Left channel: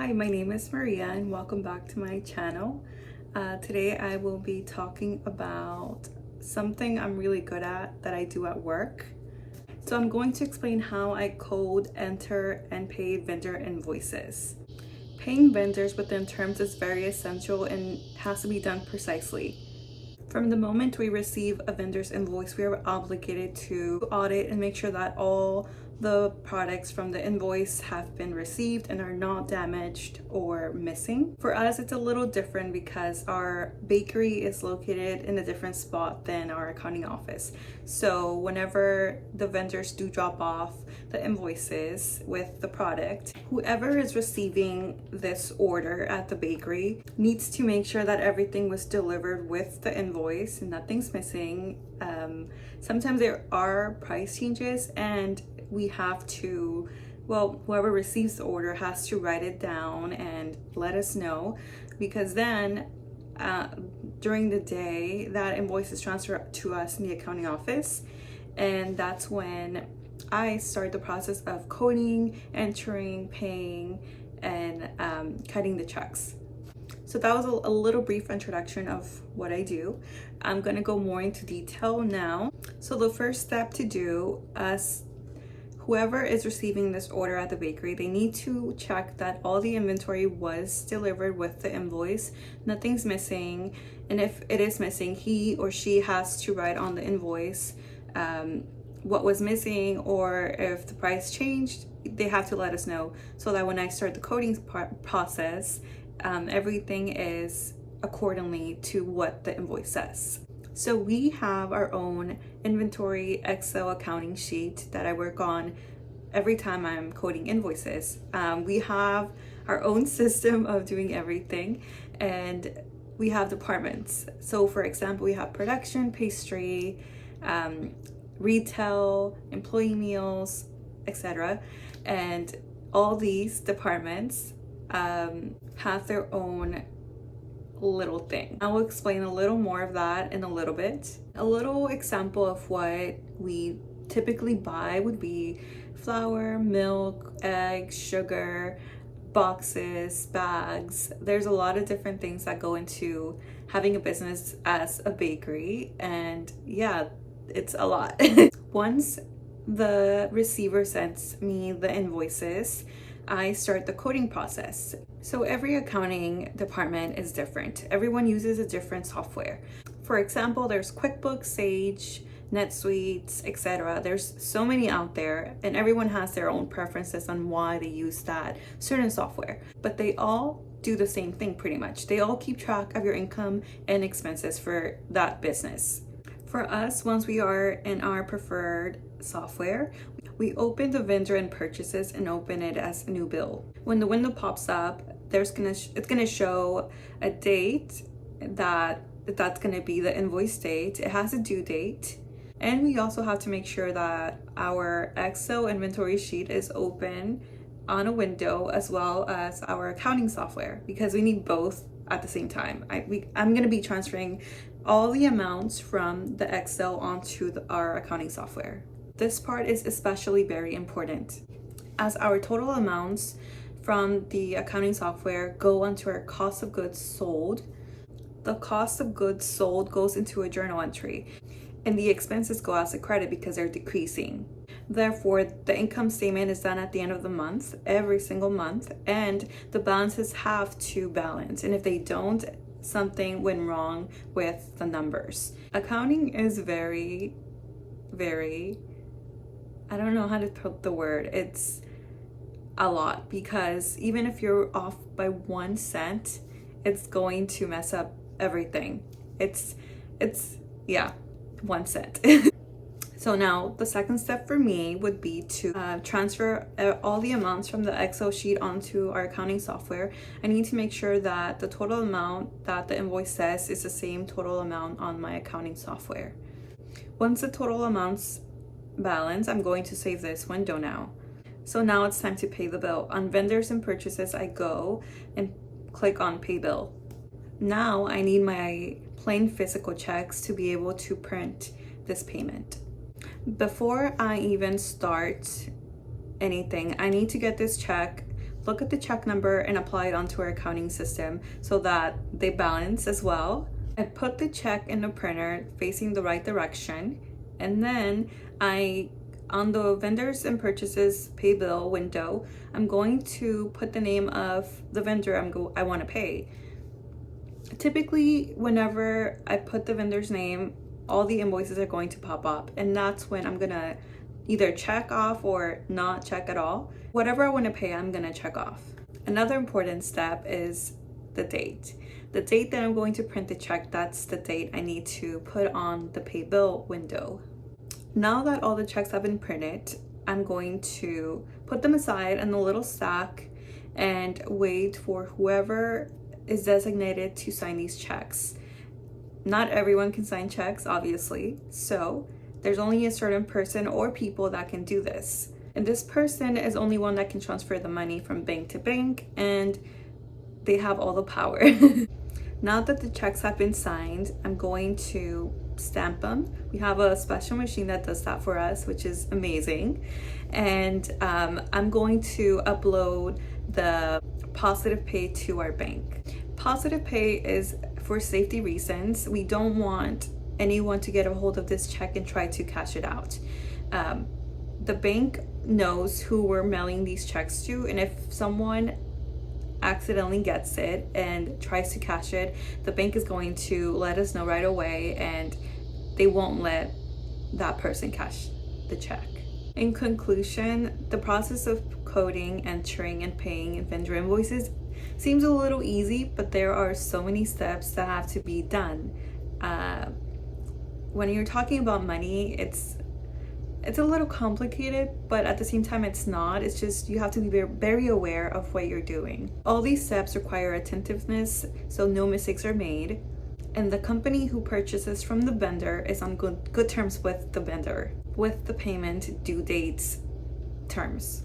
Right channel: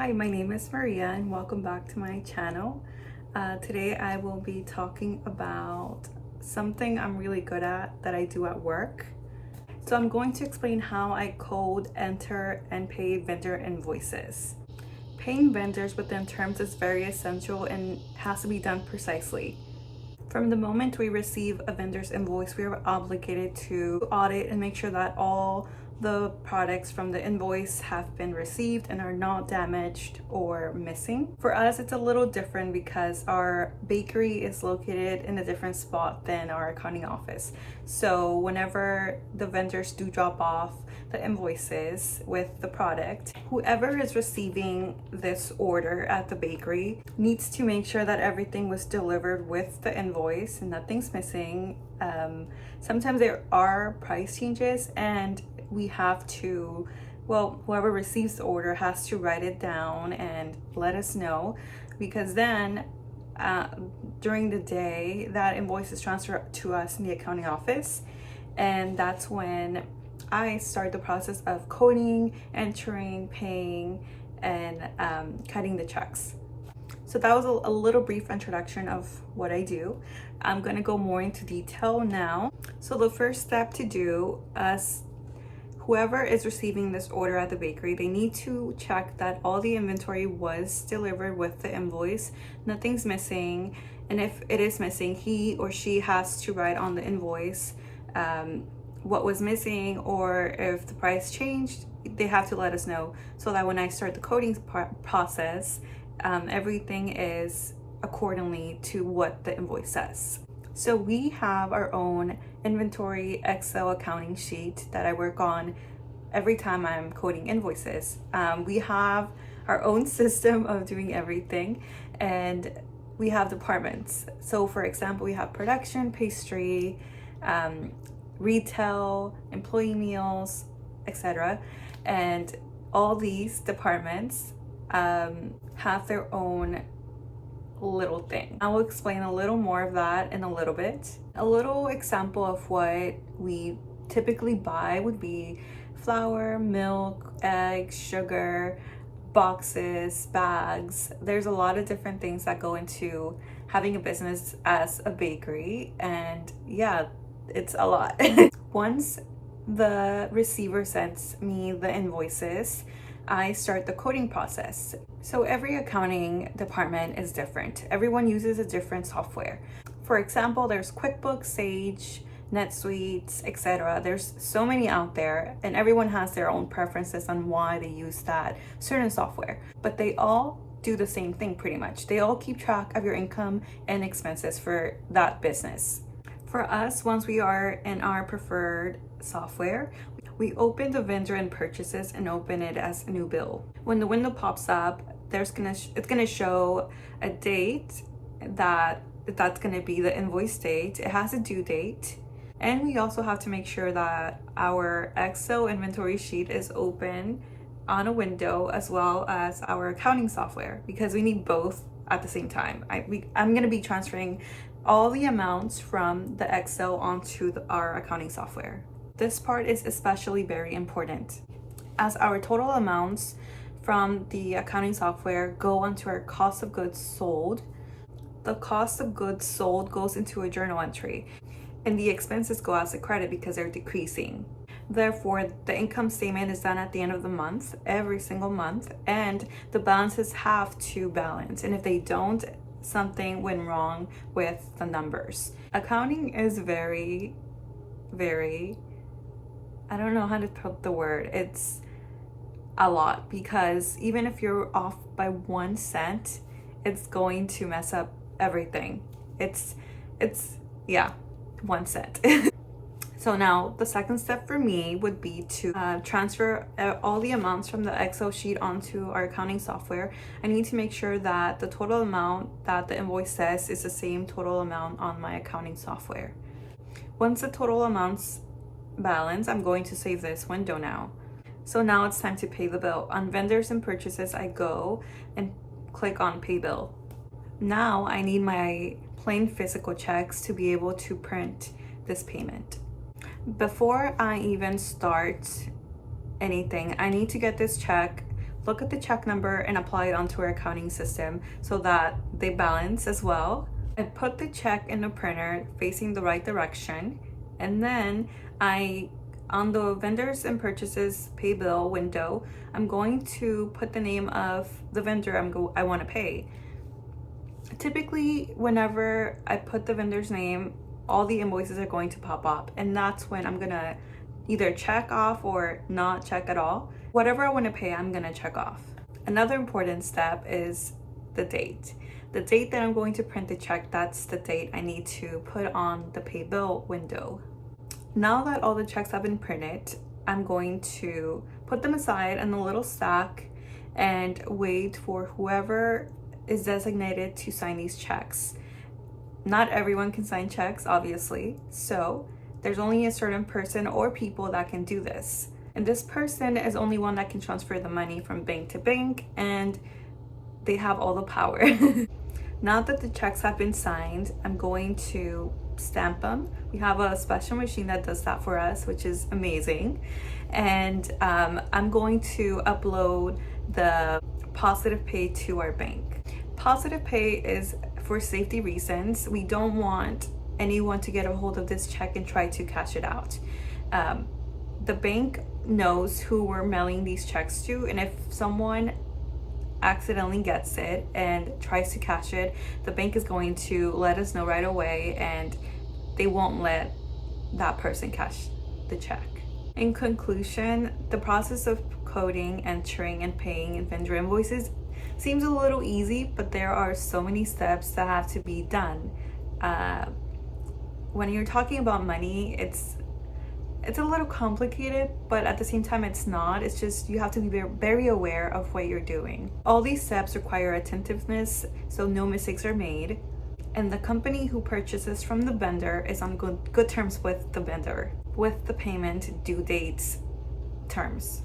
Hi, my name is Maria and welcome back to my channel. Today I will be talking about something I'm really good at that I do at work. So I'm going to explain how I code, enter, and pay vendor invoices. Paying vendors within terms is very essential and has to be done precisely. From the moment we receive a vendor's invoice, we are obligated to audit and make sure that all the products from the invoice have been received and are not damaged or missing. For us, it's a little different because our bakery is located in a different spot than our accounting office. So whenever the vendors do drop off the invoices with the product, whoever is receiving this order at the bakery needs to make sure that everything was delivered with the invoice and nothing's missing. Sometimes there are price changes and we have to, whoever receives the order has to write it down and let us know, because then during the day that invoice is transferred to us in the accounting office, and that's when I start the process of coding, entering, paying, and cutting the checks. So that was a little brief introduction of what I do. I'm going to go more into detail now. So the first step to do is whoever is receiving this order at the bakery, they need to check that all the inventory was delivered with the invoice, nothing's missing, and if it is missing, he or she has to write on the invoice what was missing, or if the price changed, they have to let us know so that when I start the coding process, everything is accordingly to what the invoice says. So we have our own inventory Excel accounting sheet that I work on every time I'm coding invoices. We have our own system of doing everything, and we have departments. So for example, we have production, pastry, retail, employee meals, etc. And all these departments have their own little thing. I will explain a little more of that in a little bit. A little example of what we typically buy would be flour, milk, eggs, sugar, boxes, bags. There's a lot of different things that go into having a business as a bakery, and yeah, it's a lot. Once the receiver sends me the invoices, I start the coding process. So every accounting department is different. Everyone uses a different software. For example, there's QuickBooks, Sage, NetSuite, etc. There's so many out there, and everyone has their own preferences on why they use that certain software. But they all do the same thing pretty much. They all keep track of your income and expenses for that business. For us, once we are in our preferred software, we open the vendor and purchases and open it as a new bill. When the window pops up, it's gonna show a date that's gonna be the invoice date. It has a due date, and we also have to make sure that our Excel inventory sheet is open on a window as well as our accounting software, because we need both at the same time. I'm gonna be transferring all the amounts from the Excel onto our accounting software. This part is especially very important, as our total amounts from the accounting software go onto our cost of goods sold. The cost of goods sold goes into a journal entry, and the expenses go as a credit because they're decreasing. Therefore, the income statement is done at the end of the month, every single month, and the balances have to balance. And if they don't, something went wrong with the numbers. Accounting is very, I don't know how to put the word. It's a lot, because even if you're off by 1 cent, it's going to mess up everything. It's 1 cent. So now the second step for me would be to transfer all the amounts from the Excel sheet onto our accounting software. I need to make sure that the total amount that the invoice says is the same total amount on my accounting software. Once the total amounts balance, I'm going to save this window now. So now it's time to pay the bill. On vendors and purchases, I go and click on pay bill. Now I need my plain physical checks to be able to print this payment. Before I even start anything, I need to get this check look at the check number and apply it onto our accounting system so that they balance as well. I put the check in the printer facing the right direction, and then on the vendors and purchases pay bill window, I'm going to put the name of the vendor I want to pay. Typically, whenever I put the vendor's name, all the invoices are going to pop up, and that's when I'm gonna either check off or not check at all. Whatever I want to pay, I'm gonna check off. Another important step is the date. The date that I'm going to print the check, that's the date I need to put on the pay bill window. Now that all the checks have been printed, I'm going to put them aside in a little stack and wait for whoever is designated to sign these checks. Not everyone can sign checks, obviously, so there's only a certain person or people that can do this. And this person is only one that can transfer the money from bank to bank, and they have all the power. Now that the checks have been signed, I'm going to stamp them. We have a special machine that does that for us, which is amazing. And I'm going to upload the positive pay to our bank. Positive pay is for safety reasons. We don't want anyone to get a hold of this check and try to cash it out. The bank knows who we're mailing these checks to, and if someone accidentally gets it and tries to cash it, the bank is going to let us know right away, and they won't let that person cash the check. In conclusion, the process of coding, entering, and paying vendor invoices seems a little easy, but there are so many steps that have to be done. When you're talking about money, it's a little complicated, but at the same time it's not. It's just you have to be very aware of what you're doing. All these steps require attentiveness so no mistakes are made, and the company who purchases from the vendor is on good terms with the vendor, with the payment due dates terms.